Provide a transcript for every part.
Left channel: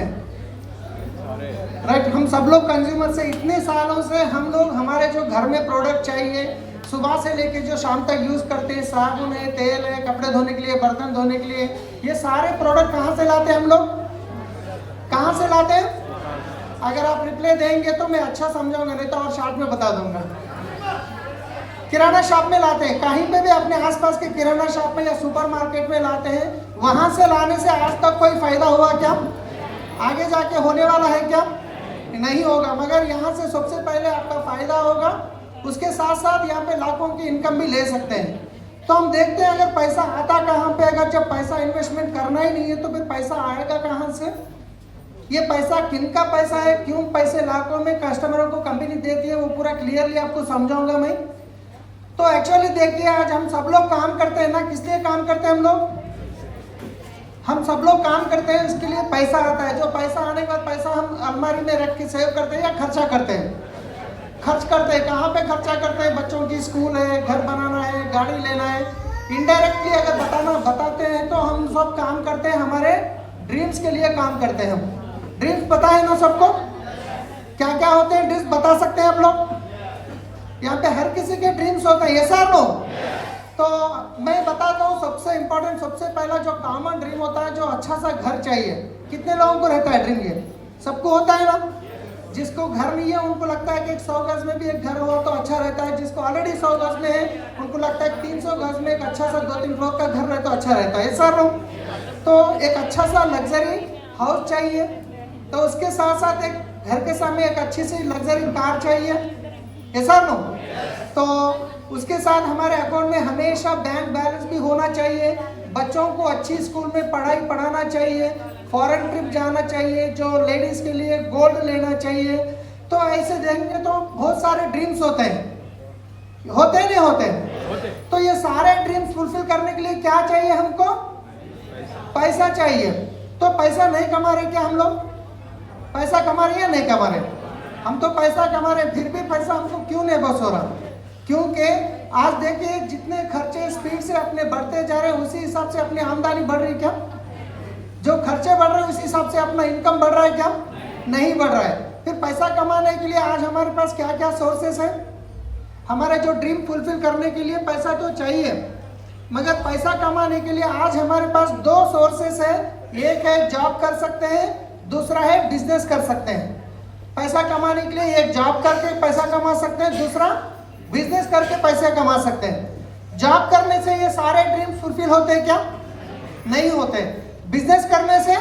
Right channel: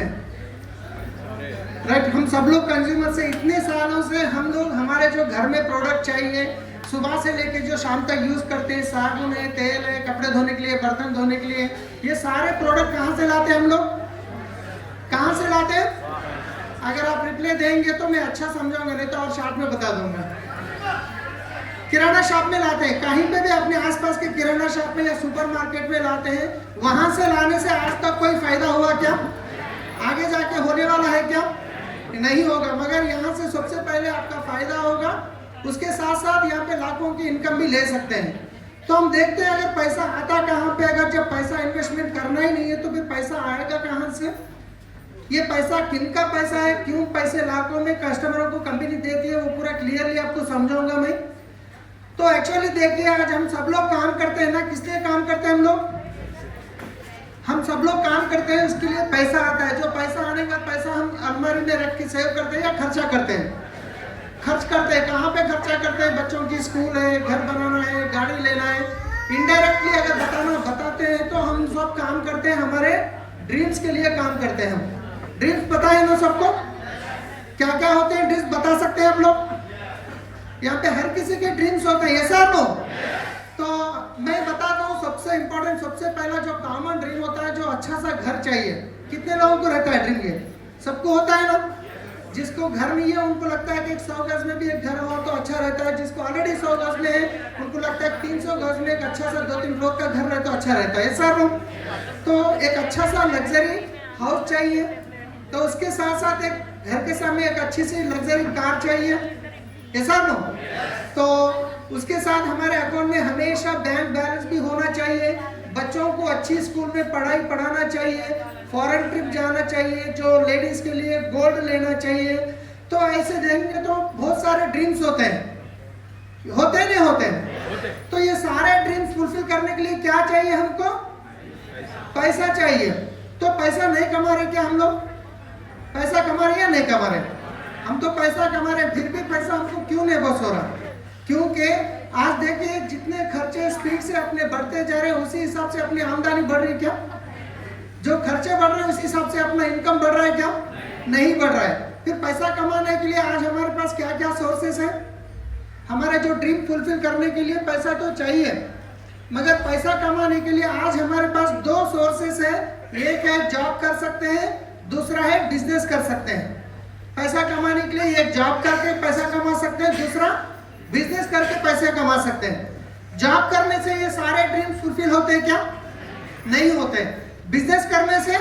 से? राइट, हम सब लोग कंज्यूमर से इतने सालों से हम लोग हमारे जो घर में प्रोडक्ट चाहिए सुबह से लेके जो शाम तक यूज करते हैं, साबुन है, तेल है, कपड़े धोने के लिए, बर्तन धोने के लिए, ये सारे प्रोडक्ट कहाँ से लाते हैं हम लोग? कहाँ से लाते हैं? अगर आप रिप्लाई देंगे तो मैं अच्छा समझाऊंगा, नहीं तो और शॉर्ट में बता दूंगा। किराना शॉप में लाते हैं, कहीं पे भी अपने आसपास के किराना शॉप में या सुपरमार्केट में लाते हैं। वहां से लाने से आज तक कोई फायदा हुआ क्या? आगे जाके होने वाला है क्या? नहीं होगा। मगर यहाँ से सबसे पहले आपका फायदा होगा, उसके साथ साथ यहाँ पे लाखों की इनकम भी ले सकते हैं। तो हम देखते हैं अगर पैसा आता कहाँ पे, अगर जब पैसा इन्वेस्टमेंट करना ही नहीं है तो फिर पैसा आएगा कहाँ से? ये पैसा किन का पैसा है, क्यों पैसे लाखों में कस्टमरों को कंपनी देती है, वो पूरा क्लियरली आपको समझाऊंगा मैं। तो एक्चुअली देखिए, आज हम सब लोग काम करते हैं ना, किस लिए काम करते हैं हम लोग? हम सब लोग काम करते हैं, इसके लिए पैसा आता है। जो पैसा आने के बाद पैसा हम अलमारी में रख के सेव करते हैं या खर्चा करते हैं? खर्च करते हैं। कहाँ पे खर्चा करते हैं? बच्चों की स्कूल है, घर बनाना है, गाड़ी लेना है। इनडायरेक्टली अगर बताते हैं तो हम सब काम करते हैं, हमारे ड्रीम्स के लिए काम करते हैं हम। ड्रीम्स पता है ना सबको? क्या क्या होते हैं ड्रीम्स बता सकते हैं आप लोग? यहाँ पे हर किसी के ड्रीम्स होते हैं, यस और नो? तो मैं बताता हूँ, सबसे इंपॉर्टेंट, सबसे पहला जो कॉमन ड्रीम होता है, जो अच्छा सा घर चाहिए। कितने लोगों को रहता है ड्रीम? ये सबको होता है ना। जिसको घर नहीं है उनको लगता है कि 100 गज में भी एक घर हो तो अच्छा रहता है। जिसको ऑलरेडी 100 गज में है उनको लगता है 300 गज में एक अच्छा सा 2-3 फ्लोर का घर रहे तो अच्छा रहता है, ऐसा नो? तो एक अच्छा सा लग्जरी हाउस चाहिए, तो उसके साथ साथ एक घर के सामने एक अच्छी सी लग्जरी कार चाहिए, ऐसा नो? तो उसके साथ हमारे अकाउंट में हमेशा बैंक बैलेंस भी होना चाहिए। बच्चों को अच्छी स्कूल में पढ़ाई पढ़ाना चाहिए, फॉरेन ट्रिप जाना चाहिए, जो लेडीज के लिए गोल्ड लेना चाहिए। तो ऐसे देखेंगे तो बहुत सारे ड्रीम्स होते हैं, होते नहीं होते? तो ये सारे ड्रीम्स फुलफिल करने के लिए क्या चाहिए हमको? पैसा चाहिए। तो पैसा नहीं कमा रहे क्या हम लोग? पैसा कमा रहे या नहीं कमा रहे? हम तो पैसा कमा रहे, फिर भी पैसा हमको क्यों नहीं बस हो रहा? क्योंकि आज देखिए, जितने खर्चे स्पीड से अपने बढ़ते जा रहे हैं उसी हिसाब से अपनी आमदनी बढ़ रही है क्या? जो खर्चे बढ़ रहे हैं उसी हिसाब से अपना इनकम बढ़ रहा है क्या? नहीं बढ़ रहा है। फिर पैसा कमाने के लिए आज हमारे पास क्या क्या सोर्सेस है? हमारा जो ड्रीम फुलफिल करने के लिए पैसा तो चाहिए, मगर पैसा कमाने के लिए आज हमारे पास 2 सोर्सेस है। एक है जॉब कर सकते हैं, दूसरा है बिजनेस कर सकते हैं। पैसा कमाने के लिए एक जॉब करके पैसा कमा सकते हैं, दूसरा बिजनेस करके पैसे कमा सकते हैं। जॉब करने से ये सारे ड्रीम फुलफिल होते हैं क्या? नहीं होते। बिजनेस करने से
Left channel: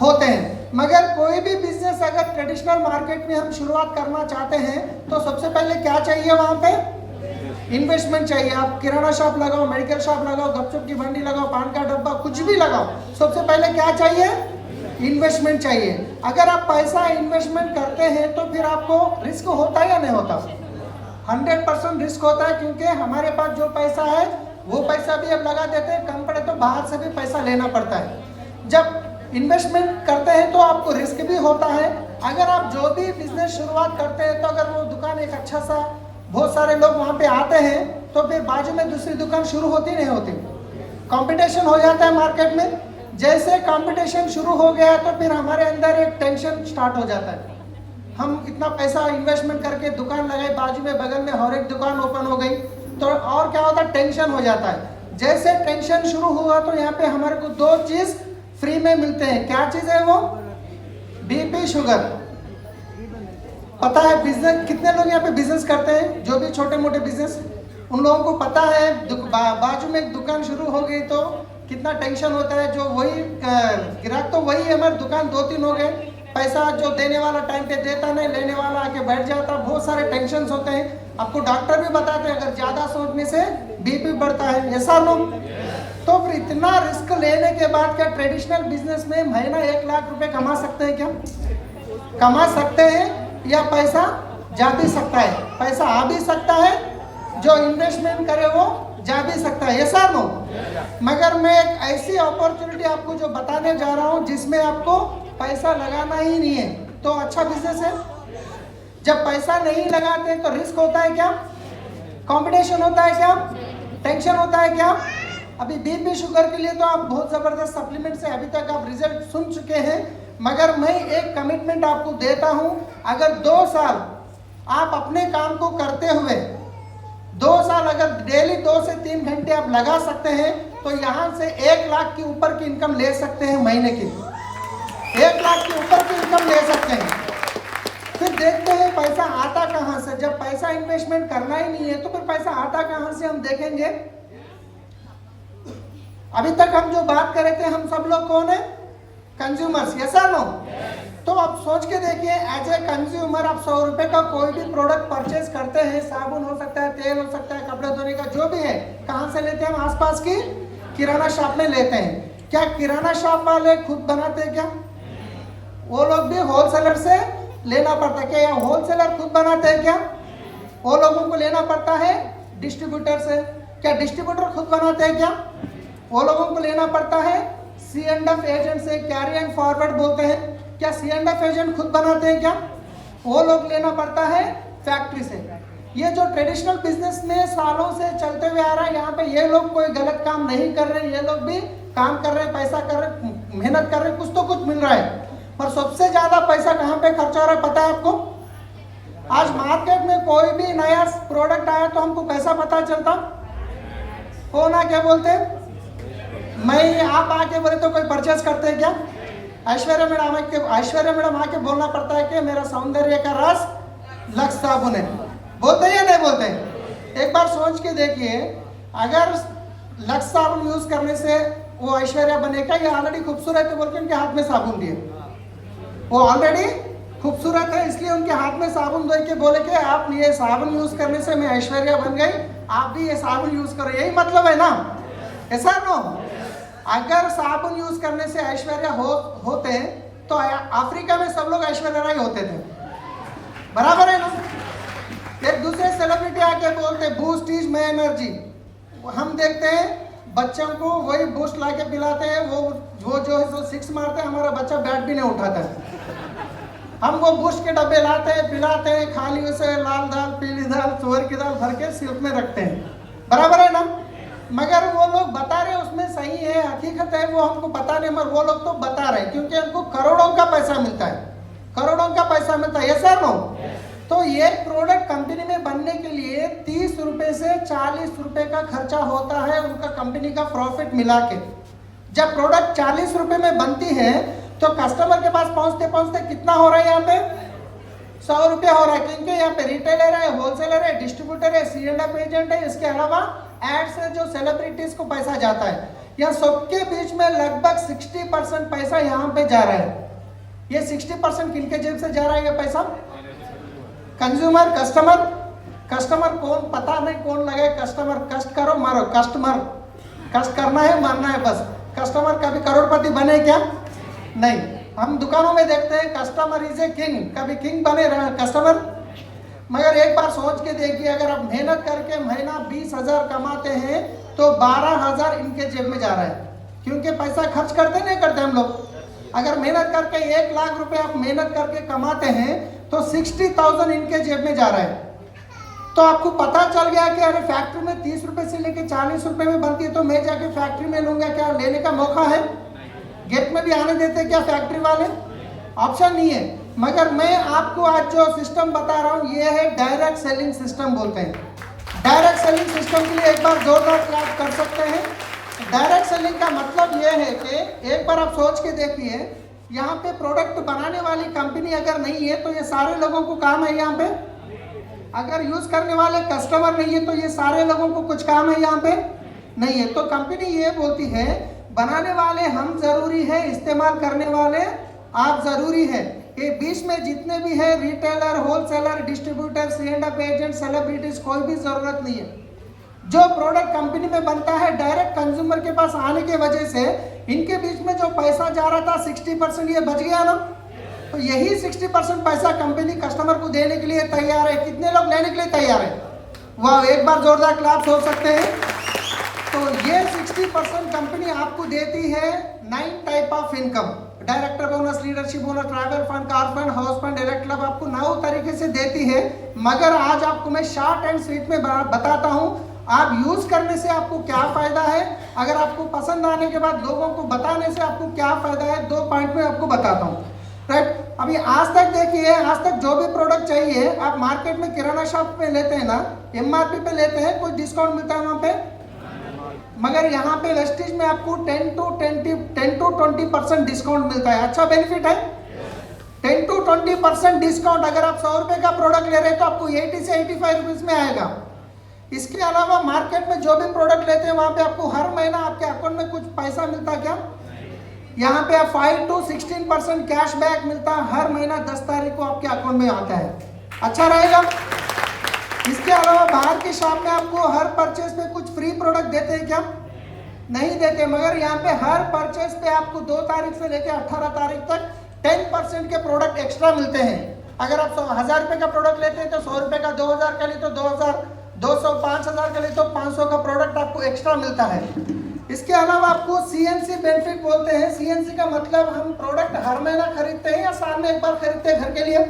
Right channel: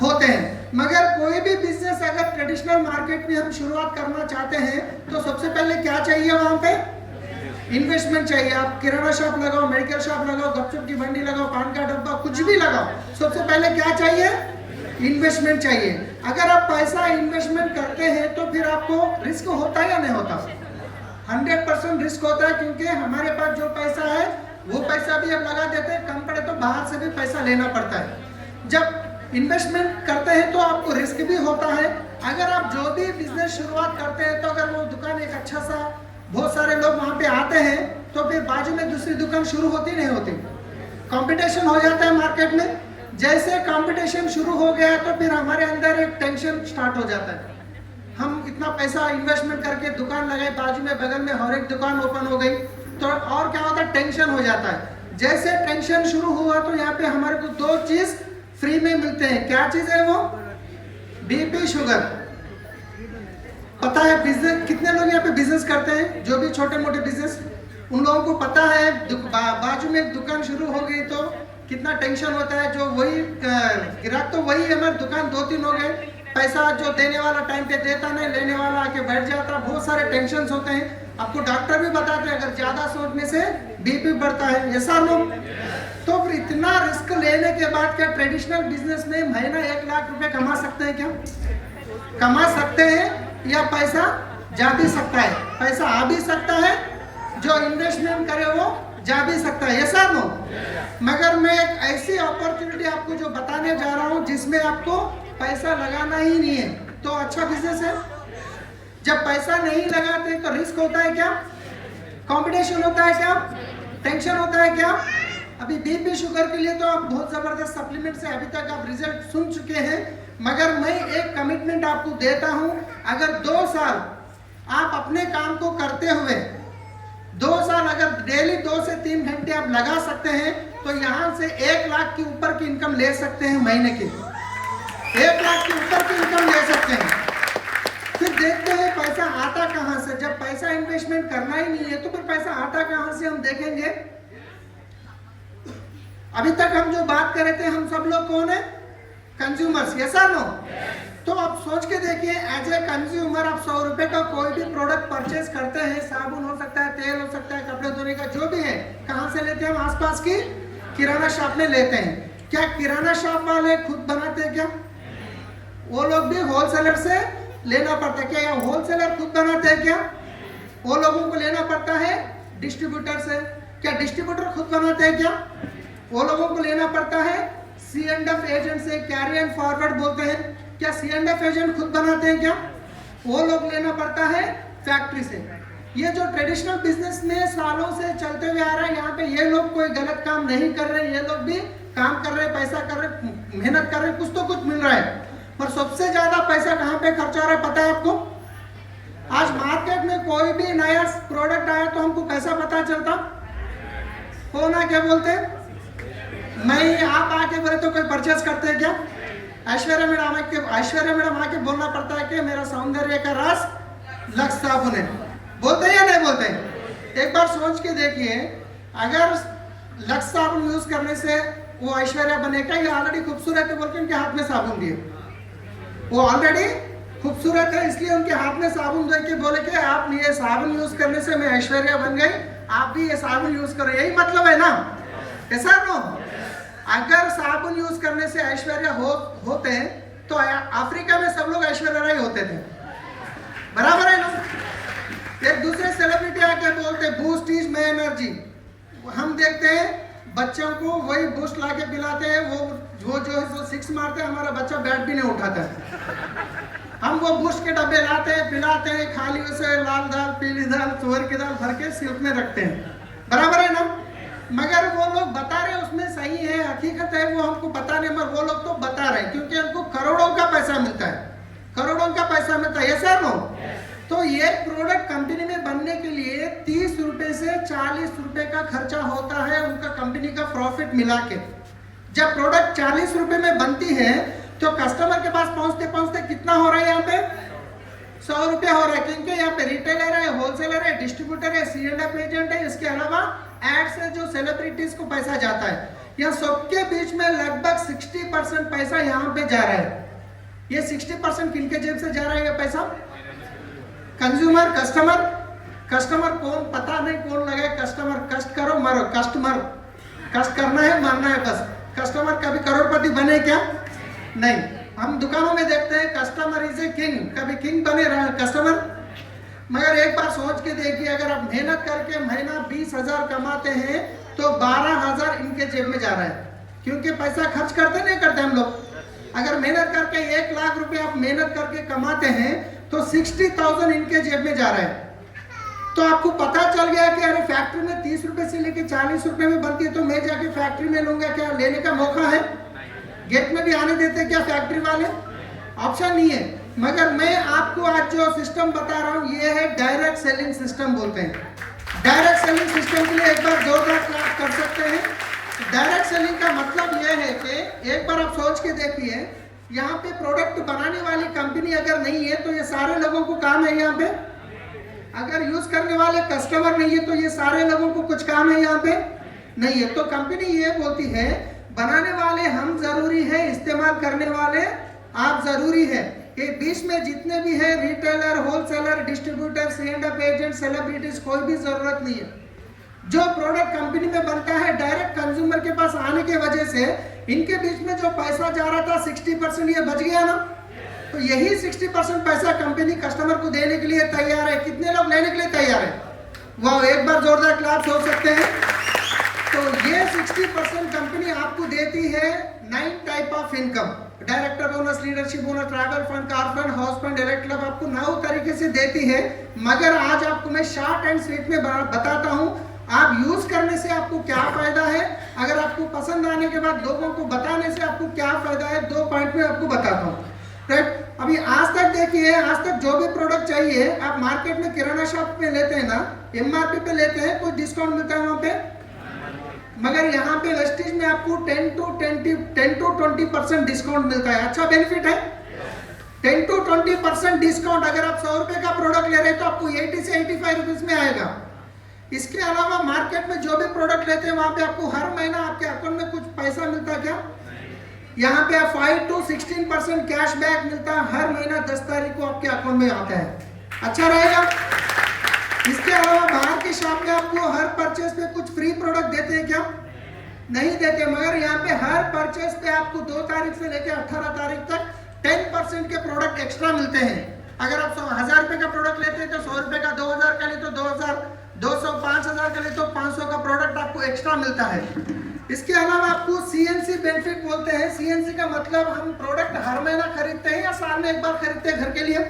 होते हैं। मगर कोई भी बिजनेस अगर ट्रेडिशनल मार्केट में हम शुरुआत करना चाहते हैं तो सबसे पहले क्या चाहिए? वहां पे इन्वेस्टमेंट चाहिए। आप किराना शॉप लगाओ, मेडिकल शॉप लगाओ, गपचुप की मंडी लगाओ, पान का डब्बा, कुछ भी लगाओ, सबसे पहले क्या चाहिए? इन्वेस्टमेंट चाहिए। अगर आप पैसा इन्वेस्टमेंट करते हैं तो फिर आपको रिस्क होता है या नहीं होता? 100% रिस्क होता है, क्योंकि हमारे पास जो पैसा है वो पैसा भी अब लगा देते हैं, कम पड़े तो बाहर से भी पैसा लेना पड़ता है। जब इन्वेस्टमेंट करते हैं तो आपको रिस्क भी होता है। अगर आप जो भी बिजनेस शुरुआत करते हैं तो अगर वो दुकान एक अच्छा सा, बहुत सारे लोग वहाँ पे आते हैं तो फिर बाजू में दूसरी दुकान शुरू होती नहीं होती? कंपटीशन हो जाता है मार्केट में। जैसे कंपटीशन शुरू हो गया तो फिर हमारे अंदर एक टेंशन स्टार्ट हो जाता है। हम इतना पैसा इन्वेस्टमेंट करके दुकान लगाए, बाजू में बगल में और एक दुकान ओपन हो गई, तो और क्या होता है? टेंशन हो जाता है। जैसे टेंशन शुरू हुआ तो यहाँ पे हमारे को 2 चीज फ्री में मिलते हैं। क्या चीज है वो? BP sugar. पता है बिजनेस, कितने लोग यहाँ पे बिजनेस करते हैं? जो भी छोटे मोटे बिजनेस, उन लोगों को पता है बाजू में एक दुकान शुरू हो गई तो कितना टेंशन होता है। जो वही ग्राहक तो वही है, हमारी दुकान 2-3 हो गए, पैसा जो देने वाला टाइम पे देता नहीं, लेने वाला आके बैठ जाता, बहुत सारे टेंशन होते हैं। आपको डॉक्टर भी बताते हैं अगर ज्यादा सोचने से बीपी बढ़ता है, ऐसा लोग। तो फिर इतना रिस्क लेने के बाद क्या ट्रेडिशनल बिजनेस में महीना 1 लाख रुपए कमा सकते हैं क्या? कमा सकते हैं, या पैसा जा भी सकता है? पैसा आ भी सकता है, जो इन्वेस्टमेंट करे वो जा भी सकता है, ऐसा नो? मगर मैं एक ऐसी अपॉर्चुनिटी आपको जो बताने जा रहा हूँ जिसमें आपको पैसा लगाना ही नहीं है, तो अच्छा बिजनेस है। जब पैसा नहीं लगाते तो रिस्क होता है क्या? कंपटीशन होता है क्या? टेंशन होता है क्या? अभी बीपी शुगर के लिए तो आप बहुत जबरदस्त सप्लीमेंट से अभी तक आप रिजल्ट सुन चुके हैं, मगर मैं एक कमिटमेंट आपको देता हूं, अगर 2 साल आप अपने काम को करते हुए 2 साल अगर डेली 2 से 3 घंटे आप लगा सकते हैं तो यहां से 1 लाख के ऊपर की इनकम ले सकते हैं महीने की। 1 लाख के ऊपर की इनकम ले सकते हैं। फिर देखते हैं पैसा आता कहां से। जब पैसा इन्वेस्टमेंट करना ही नहीं है तो फिर पैसा आता कहां से हम देखेंगे। अभी तक हम जो बात कर रहे थे, हम सब लोग कौन है? कंज्यूमर्स, यस और नो? तो आप सोच के देखिए, एज ए कंज्यूमर आप 100 रुपए का कोई भी प्रोडक्ट परचेज करते हैं, साबुन हो सकता है, तेल हो सकता है, कपड़े धोने का जो भी है, कहां से लेते हैं? हम आसपास की किराना शॉप में लेते हैं। क्या किराना शॉप वाले खुद बनाते हैं क्या? वो लोग भी होलसेलर से लेना पड़ता है। क्या होलसेलर खुद बनाते हैं क्या? वो लोगों को लेना पड़ता है डिस्ट्रीब्यूटर से। क्या डिस्ट्रीब्यूटर खुद बनाते हैं क्या? वो लोगों को लेना पड़ता है C&F एजेंट से, कैरी एंड फॉरवर्ड बोलते हैं। क्या C&F एजेंट खुद बनाते हैं क्या? वो लोग लेना पड़ता है फैक्ट्री से। ये जो ट्रेडिशनल बिजनेस में सालों से चलते हुए आ रहा है, यहाँ पे ये लोग कोई गलत काम नहीं कर रहे, ये लोग भी काम कर रहे, पैसा कर रहे, मेहनत कर रहे, कुछ तो कुछ मिल रहा है। पर सबसे ज्यादा पैसा कहाँ पे खर्चा हो रहा है पता है आपको? आज मार्केट में कोई भी नया प्रोडक्ट आया तो हमको कैसा पता चलता? हो ना, क्या बोलते हैं? मैं आप आके बोले तो कोई परचेज करते हैं क्या? ऐश्वर्या मैडम आके बोलना पड़ता है कि मेरा सौंदर्य का राज लक्स साबुन है। बोलते हैं या नहीं बोलते? एक बार सोच के देखिए, अगर लक्स साबुन यूज करने से वो ऐश्वर्या बनेगा या ऑलरेडी खूबसूरत है बोल के उनके हाथ में साबुन दिए? वो ऑलरेडी खूबसूरत है, इसलिए उनके हाथ में साबुन दे के बोले कि आप ये साबुन यूज करने से मैं ऐश्वर्या बन गई, आप भी ये साबुन यूज करो। यही मतलब है ना? ऐसा नो? अगर साबुन यूज करने से ऐश्वर्या होते तो अफ्रीका में सब लोग ऐश्वर्या राय होते थे, बराबर है ना? एक दूसरे सेलिब्रिटी आके बोलते बूस्ट इज माय एनर्जी। हम देखते हैं बच्चों को वही बूस्ट ला के पिलाते हैं, वो जो है 6 मारते हैं, हमारा बच्चा बैट भी नहीं उठाता है। हम वो बूस्ट के डब्बे लाते हैं, पिलाते हैं, खाली उसे लाल दाल, पीली दाल, तुअर की दाल भर के सिल्क में रखते हैं, बराबर है ना? मगर वो लोग बता रहे उसमें सही है, हकीकत है, वो हमको पता नहीं, मगर वो लोग तो बता रहे क्योंकि उनको करोड़ों का पैसा मिलता है, करोड़ों का पैसा मिलता है, ऐसा नो? तो ये प्रोडक्ट कंपनी में बनने के लिए 30 रुपए से 40 रुपए का खर्चा होता है उनका कंपनी का प्रॉफिट मिला के। जब प्रोडक्ट 40 रुपए में बनती है तो कस्टमर के पास पहुंचते पहुंचते कितना हो रहा है? यहाँ पे 100 रुपया हो रहा है, क्योंकि यहाँ पे रिटेलर है, होलसेलर है, डिस्ट्रीब्यूटर है, C&F एजेंट है, इसके अलावा एड से जो सेलिब्रिटीज को पैसा जाता है, यह सबके बीच में लगभग 60% पैसा यहाँ पे जा रहा है। ये 60% किनके जेब से जा रहा है ये पैसा? कंज्यूमर, कस्टमर कौन पता नहीं कौन लगे। कस्टमर, कष्ट करो मरो, कस्टमर कष्ट करना है मरना है बस। कस्टमर कभी करोड़पति बने क्या? नहीं। हम दुकानों में देखते हैं कस्टमर इज ए किंग, कभी किंग बने रहे कस्टमर? मगर एक बार सोच के देखिए, अगर आप मेहनत करके महीना 20,000 कमाते हैं तो 12,000 इनके जेब में जा रहा है, क्योंकि पैसा खर्च करते नहीं करते हम लोग। अगर मेहनत करके 1 लाख रुपए आप मेहनत करके कमाते हैं तो 60,000 इनके जेब में जा रहा है। तो आपको पता चल गया कि अरे फैक्ट्री में 30 रुपए से लेके 40 रुपए में बनती है तो मैं जाके फैक्ट्री में लूंगा, क्या लेने का मौका है? गेट में भी आने देते क्या फैक्ट्री वाले? ऑप्शन नहीं है। मगर मैं आपको आज जो सिस्टम बता रहा हूं ये है डायरेक्ट सेलिंग सिस्टम बोलते हैं। डायरेक्ट सेलिंग सिस्टम के लिए एक बार जोरदार क्लैप कर सकते हैं। डायरेक्ट सेलिंग का मतलब ये है कि एक बार आप सोच के देखिए, यहाँ पे प्रोडक्ट बनाने वाली कंपनी अगर नहीं है तो ये सारे लोगों को काम है यहाँ पे। अगर यूज करने वाले कस्टमर नहीं है तो ये सारे लोगों को कुछ काम है यहाँ पे नहीं है। तो कंपनी ये बोलती है बनाने वाले हम जरूरी है, इस्तेमाल करने वाले आप जरूरी है। ये बीच में जितने भी है retailer, wholesaler, distributor, C&F agent, celebrities, कोई भी जरूरत नहीं है। जो प्रोडक्ट कंपनी में बनता है डायरेक्ट कंज्यूमर के पास आने के वजह से इनके बीच में जो पैसा जा रहा था 60% ये बच गया ना। तो यही 60% पैसा कंपनी कस्टमर को देने के लिए तैयार है। कितने लोग लेने के लिए तैयार है? वाह, एक बार जोरदार क्लैप्स हो सकते हैं। तो ये 60% कंपनी आपको देती है 9 type of income, director bonus, leadership bonus, travel fund, car fund, house fund, direct club आपको 9 तरीके से देती है। मगर आज आपको मैं शॉर्ट एंड स्वीट में बताता हूँ आप यूज करने से आपको क्या फायदा है, अगर आपको पसंद आने के बाद लोगों को बताने से आपको क्या फायदा है, 2 पॉइंट में आपको बताता हूँ। राइट, अभी आज तक देखिए, आज तक जो भी प्रोडक्ट चाहिए आप मार्केट में किराना शॉप पे लेते हैं ना, एमआरपी पे लेते हैं, कुछ डिस्काउंट मिलता है वहां पे, मगर यहाँ पे वेस्टीज में आपको 10 to 20% डिस्काउंट मिलता है। अच्छा बेनिफिट है, 10 to 20% डिस्काउंट। अगर आप 100 रुपए का प्रोडक्ट ले रहे हैं तो आपको 80 से 85 रुपीज में आएगा। इसके अलावा मार्केट में जो भी प्रोडक्ट लेते हैं वहां पे आपको हर महीना आपके अकाउंट में कुछ पैसा मिलता है क्या? यहाँ पे 5 to 16% कैशबैक मिलता है, हर महीना 10 तारीख को आपके अकाउंट में आता है। अच्छा रहेगा। इसके अलावा बाहर के शॉप में आपको हर परचेज पे कुछ फ्री प्रोडक्ट देते हैं क्या? नहीं देते, मगर यहाँ पे हर परचेज पे आपको 2 तारीख से लेकर 18 तारीख तक 10% के प्रोडक्ट एक्स्ट्रा मिलते हैं। अगर आप 1000 रुपए का प्रोडक्ट लेते हैं तो 100 रुपए का, 2000 का लिए तो 2000, 200, 5000 का लिए तो 500 का प्रोडक्ट आपको एक्स्ट्रा मिलता है। इसके अलावा आपको सीएनसी बेनिफिट बोलते हैं। सीएनसी का मतलब हम प्रोडक्ट हर महीना खरीदते हैं या साल में एक बार खरीदते हैं घर के लिए?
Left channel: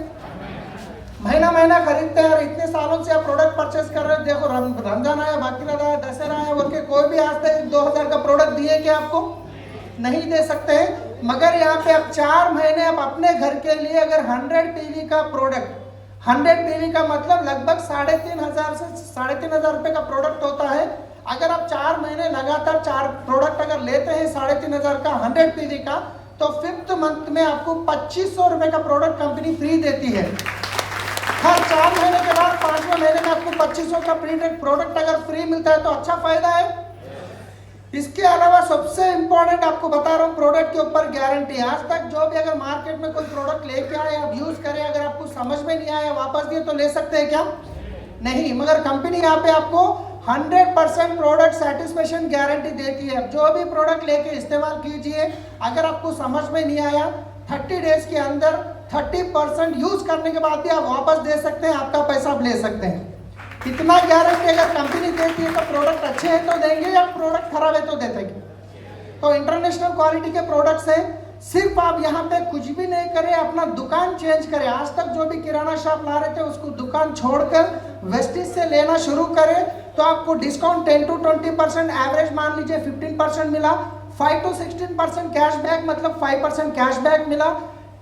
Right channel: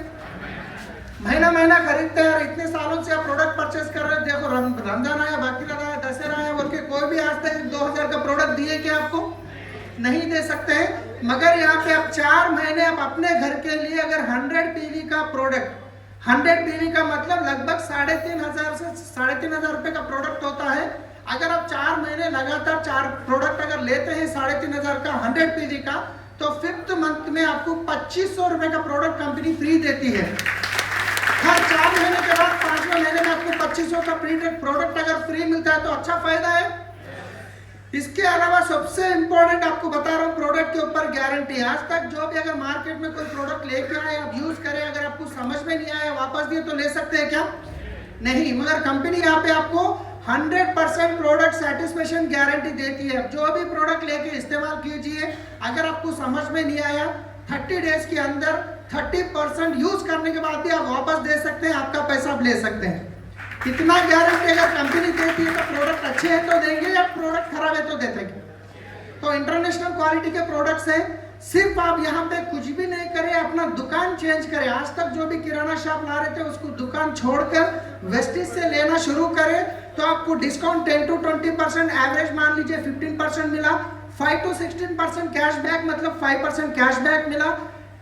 महीना महीना खरीदते हैं। और इतने सालों से आप प्रोडक्ट परचेज कर रहे हैं, देखो रमजान आया, बकरीद आया, दशहरा आया बोल के कोई भी आज तक 2000 का प्रोडक्ट दिए क्या आपको? नहीं दे सकते हैं। मगर यहाँ पे आप 4 महीने आप अपने घर के लिए अगर 100 पीवी का प्रोडक्ट, 100 पीवी का मतलब लगभग 3500 से 3500 रुपए का प्रोडक्ट होता है। अगर आप 4 महीने लगातार 4 प्रोडक्ट अगर लेते हैं 3500 का 100 पीवी का, तो 5th मंथ में आपको 2500 रुपए का प्रोडक्ट कंपनी फ्री देती है। हर 4 महीने के बाद 5वें महीने में आपको 2500 का प्रोडक्ट अगर फ्री मिलता है तो अच्छा फायदा है। इसके अलावा सबसे इंपॉर्टेंट आपको बता रहा हूँ, प्रोडक्ट के ऊपर गारंटी। आज तक जो भी अगर मार्केट में कोई प्रोडक्ट लेके आए, आप यूज करें, अगर आपको समझ में नहीं आया वापस दिए तो ले सकते हैं क्या? नहीं, मगर कंपनी यहाँ पे आपको 100% प्रोडक्ट सेटिस्फेक्शन गारंटी देती है। जो भी प्रोडक्ट लेके इस्तेमाल कीजिए, अगर आपको समझ में नहीं आया 30 डेज के अंदर 30% यूज करने के बाद भी आप वापस दे सकते हैं, आपका पैसा आप ले सकते हैं। कितना गारंटी अगर कंपनी देती है तो प्रोडक्ट अच्छे हैं तो देंगे या प्रोडक्ट खराब है तो देते हैं। तो इंटरनेशनल क्वालिटी के प्रोडक्ट्स है। सिर्फ आप यहाँ पे कुछ भी नहीं करें, अपना दुकान चेंज करें। आज तक जो भी किराना शॉप ला रहे थे उसको दुकान छोड़कर वेस्टीज से लेना शुरू करें तो आपको डिस्काउंट 10 to 20%, एवरेज मान लीजिए 15% मिला। 5 to 16% कैशबैक मतलब 5% कैशबैक मिला।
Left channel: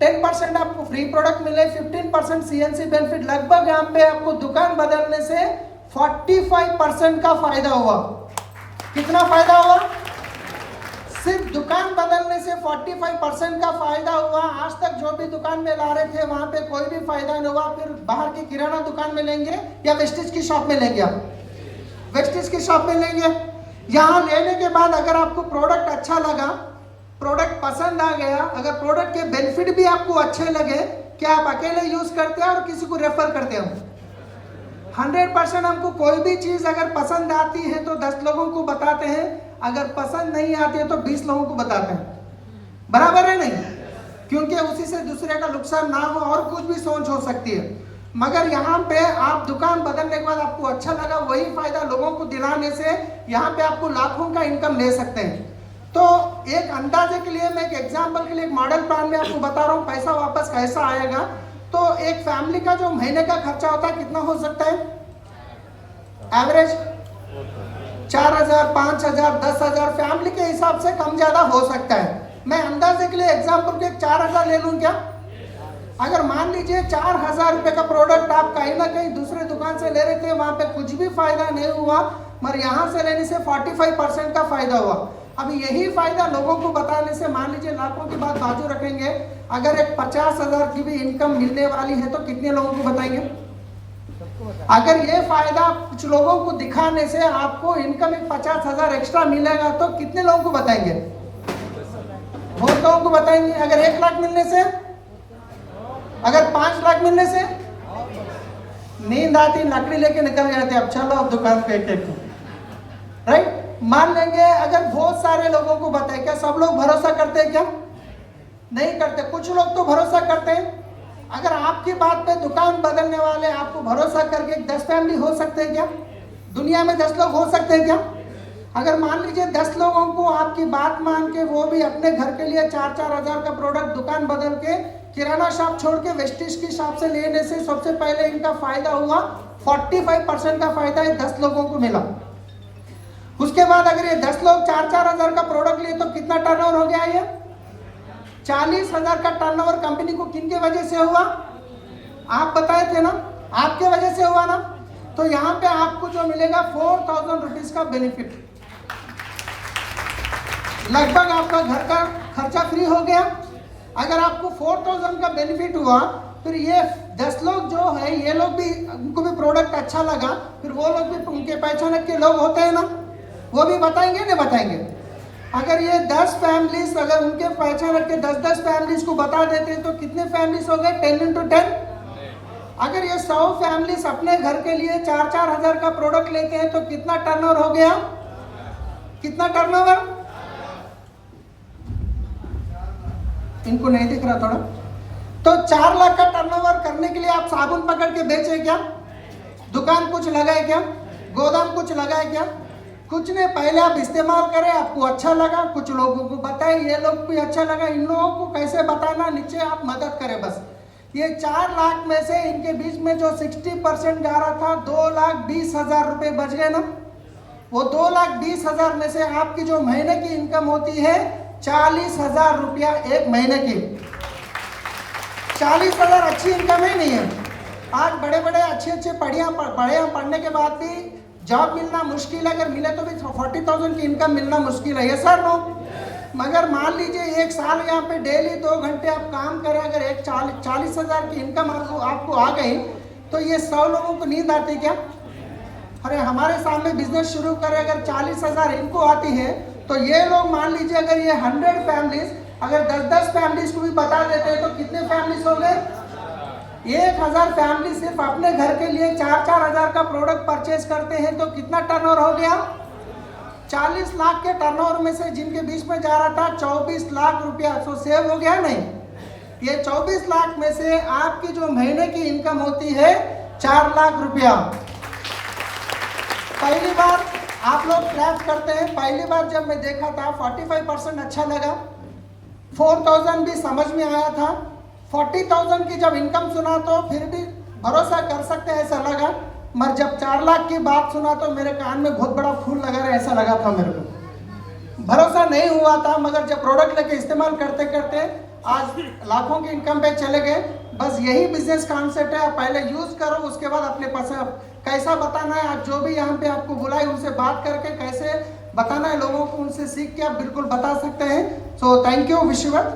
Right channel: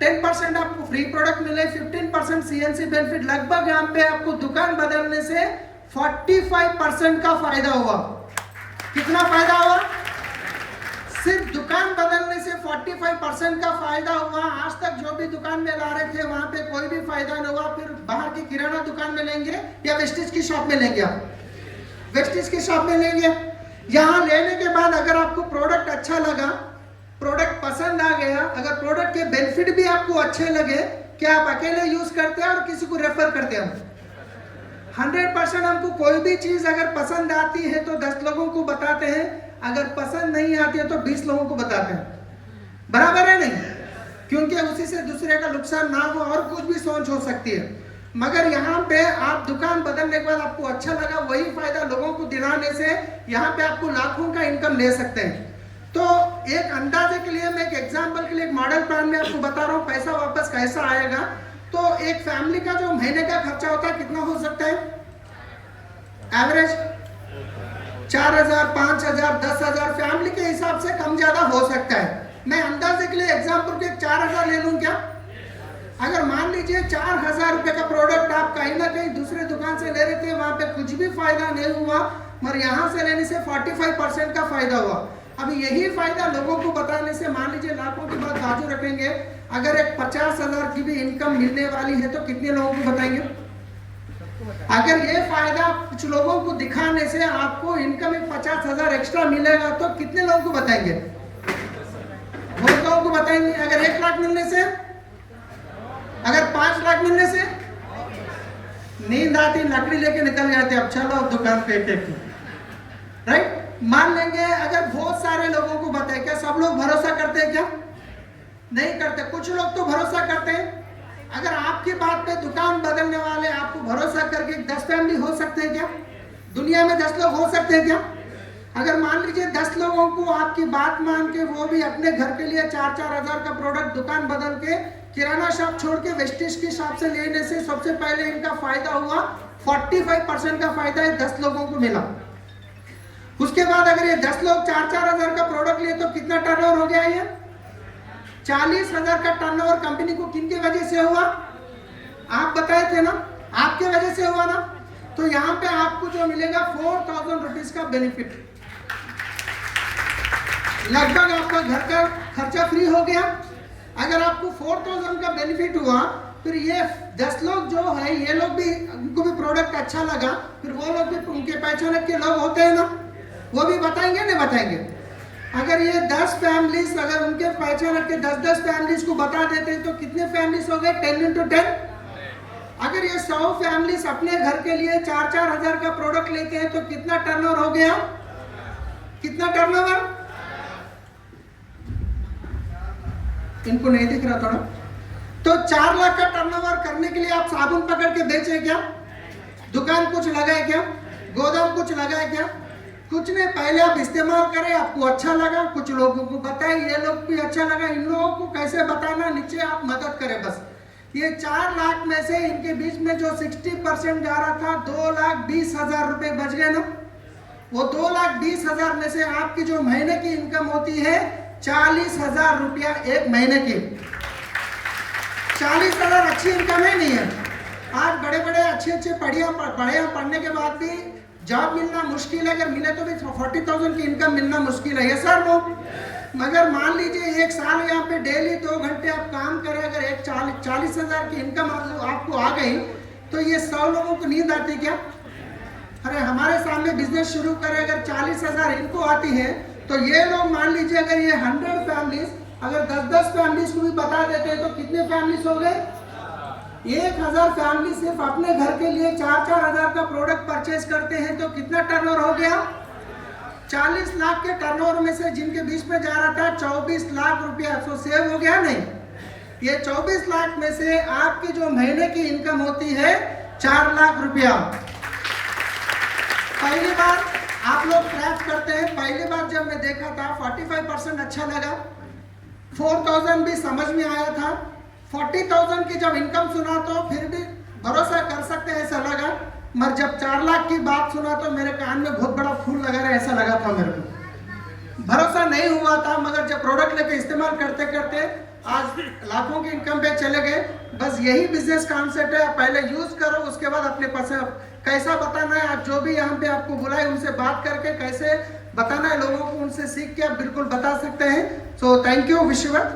10% आपको फ्री प्रोडक्ट मिले, 15% सीएनसी बेनिफिट। लगभग यहाँ पे आपको दुकान बदलने से 45% का फायदा हुआ। कितना फायदा हुआ? सिर्फ दुकान बदलने से 45% का फायदा हुआ। आज तक जो भी दुकान में ला रहे थे वहां पे कोई भी फायदा नहीं हुआ। फिर बाहर की किराना दुकान में लेंगे या वेस्टीज की शॉप में लेंगे? आप वेस्टीज की शॉप में लेंगे। यहाँ लेने के बाद अगर आपको प्रोडक्ट अच्छा लगा, प्रोडक्ट पसंद आ गया, अगर प्रोडक्ट के बेनिफिट भी आपको अच्छे लगे, क्या आप अकेले यूज करते हैं और किसी को रेफर करते हैं? 100% हमको कोई भी चीज अगर पसंद आती है तो 10 लोगों को बताते हैं, अगर पसंद नहीं आती है तो 20 लोगों को बताते हैं। बराबर है नहीं? क्योंकि उसी से दूसरे का नुकसान ना हो और कुछ भी सोच हो सकती है। मगर यहाँ पे आप दुकान बदलने के बाद आपको अच्छा लगा, वही फायदा लोगों को दिलाने से यहाँ पे आपको लाखों का इनकम ले सकते हैं। तो एक अंदाजे के लिए, मैं एक एग्जांपल के लिए एक मॉडल प्लान में आपको बता रहा हूँ पैसा वापस कैसा आएगा। तो एक फैमिली का जो महीने का खर्चा होता है कितना हो सकता है? एवरेज 4000, 5000, 10000 फैमिली के हिसाब से कम ज्यादा हो सकता है। मैं अंदाजे के लिए एग्जांपल के 4000 ले लूं क्या? अगर मान लीजिए 4000 रुपए का प्रोडक्ट आप कहीं ना कहीं दूसरे दुकान से ले रहे थे, वहां पे कुछ भी फायदा नहीं हुआ, मगर यहाँ से लेने से 45% का फायदा हुआ। अभी यही फायदा लोगों को बताने से, मान लीजिए लाखों की बात बाजू रखेंगे, अगर एक 50,000 की भी इनकम मिलने वाली है तो कितने लोगों को बताएंगे? अगर ये फायदा कुछ लोगों को दिखाने से आपको इनकम 50,000 एक्स्ट्रा मिलेगा तो कितने लोगों को बताएंगे? बहुत लोगों को बताएंगे। अगर 1 लाख मिलने से, अगर 5 लाख मिलने से, नींद आती, लकड़ी लेके निकल जाते, अब चलो अब दुकान पे एक राइट। मान लेंगे अगर बहुत सारे लोगों को बताए, क्या सब लोग भरोसा करते हैं? क्या नहीं करते। कुछ लोग तो भरोसा करते हैं। अगर आपकी बात पे दुकान बदलने वाले आपको भरोसा करके 10 फैमिली हो सकते हैं क्या? दुनिया में 10 लोग हो सकते हैं क्या? अगर मान लीजिए 10 लोगों को आपकी बात मान के वो भी अपने घर के लिए 4-4 हजार का प्रोडक्ट दुकान बदल के किराना शॉप छोड़ के वेस्टीज की शॉप से लेने से सबसे पहले इनका फायदा हुआ 45% का फायदा 10 लोगों को मिला। उसके बाद अगर ये 10 लोग 4-4 हजार का प्रोडक्ट लिए तो कितना टर्नओवर हो गया? ये 40,000 का टर्नओवर कंपनी को किन की वजह से हुआ? आप बताए थे ना, आपके वजह से हुआ ना। तो यहाँ पे आपको जो मिलेगा 4,000 रुपीज का बेनिफिट, लगभग आपका घर का खर्चा फ्री हो गया। अगर आपको 4,000 का बेनिफिट हुआ, फिर ये 10 लोग जो है, ये लोग भी, उनको भी प्रोडक्ट अच्छा लगा, फिर वो लोग भी, उनके पहचान के लोग होते हैं ना, वो भी बताएंगे नहीं बताएंगे। अगर ये 10 फैमिलीज, अगर उनके पहचान के 10-10 फैमिलीज को बता देते तो कितने फैमिलीज हो गए? 10 into 10। अगर ये 100 फैमिलीज अपने घर के लिए 4-4 हजार का प्रोडक्ट लेते हैं तो कितना टर्नओवर हो गया? कितना टर्नओवर? इनको नहीं दिख रहा थोड़ा? तो 4 लाख का टर्नओवर करने के लिए आप साबुन पकड़ के बेचे क्या? दुकान कुछ लगाए क्या? गोदाम कुछ लगाए क्या? कुछ नहीं। पहले आप इस्तेमाल करें, आपको अच्छा लगा, कुछ लोगों को बताए, ये लोग भी अच्छा लगा, इन लोगों को कैसे बताना, नीचे आप मदद करें बस। ये 4 लाख में से इनके बीच में जो 60% जा रहा था, 2,20,000 रुपए बच गए ना। वो 2,20,000 में से आपकी जो महीने की इनकम होती है 40,000 रुपया एक महीने की। 40,000 अच्छी इनकम है नहीं है? आज बड़े बड़े अच्छे पढ़ने के बाद भी जॉब मिलना मुश्किल है, अगर मिले तो भी 40,000 की इनकम मिलना मुश्किल है। ये सर नो। मगर मान लीजिए 1 साल यहाँ पे डेली 2 घंटे आप काम करें, अगर 40,000 की इनकम आपको आ गई तो ये 100 लोगों को नींद आती क्या? अरे हमारे सामने बिजनेस शुरू करें, अगर 40,000 इनको आती है तो ये लोग मान लीजिए अगर ये 100 फैमिलीज, अगर 10-10 फैमिलीज को भी बता देते हैं तो कितने फैमिलीज हो गए? 1,000 फैमिली सिर्फ अपने घर के लिए 4-4 हजार का प्रोडक्ट परचेज करते हैं तो कितना टर्नओवर हो गया? 40 लाख के टर्नओवर में से जिनके बीच में जा रहा था 24 लाख रुपया, तो सेव हो गया नहीं? ये 24 लाख में से आपकी जो महीने की इनकम होती है 4 लाख रुपया। पहली बार आप लोग क्रैच करते हैं, पहली बार जब मैं देखा था 45% अच्छा लगा, 4,000 भी समझ में आया था, 40,000 की जब इनकम सुना तो फिर भी भरोसा कर सकते हैं ऐसा लगा, मगर जब 4 लाख की बात सुना तो मेरे कान में बहुत बड़ा फूल लगा रहा, ऐसा लगा था मेरे को। भरोसा नहीं हुआ था, मगर जब प्रोडक्ट लेके इस्तेमाल करते करते आज लाखों की इनकम पे चले गए। बस यही बिजनेस कॉन्सेप्ट है, आप पहले यूज करो, उसके बाद अपने पास कैसा बताना है, आज जो भी यहाँ पे आपको बुलाए उनसे बात करके कैसे बताना है लोगों को, उनसे सीख के आप बिल्कुल बता सकते हैं। So thank you, wish you well.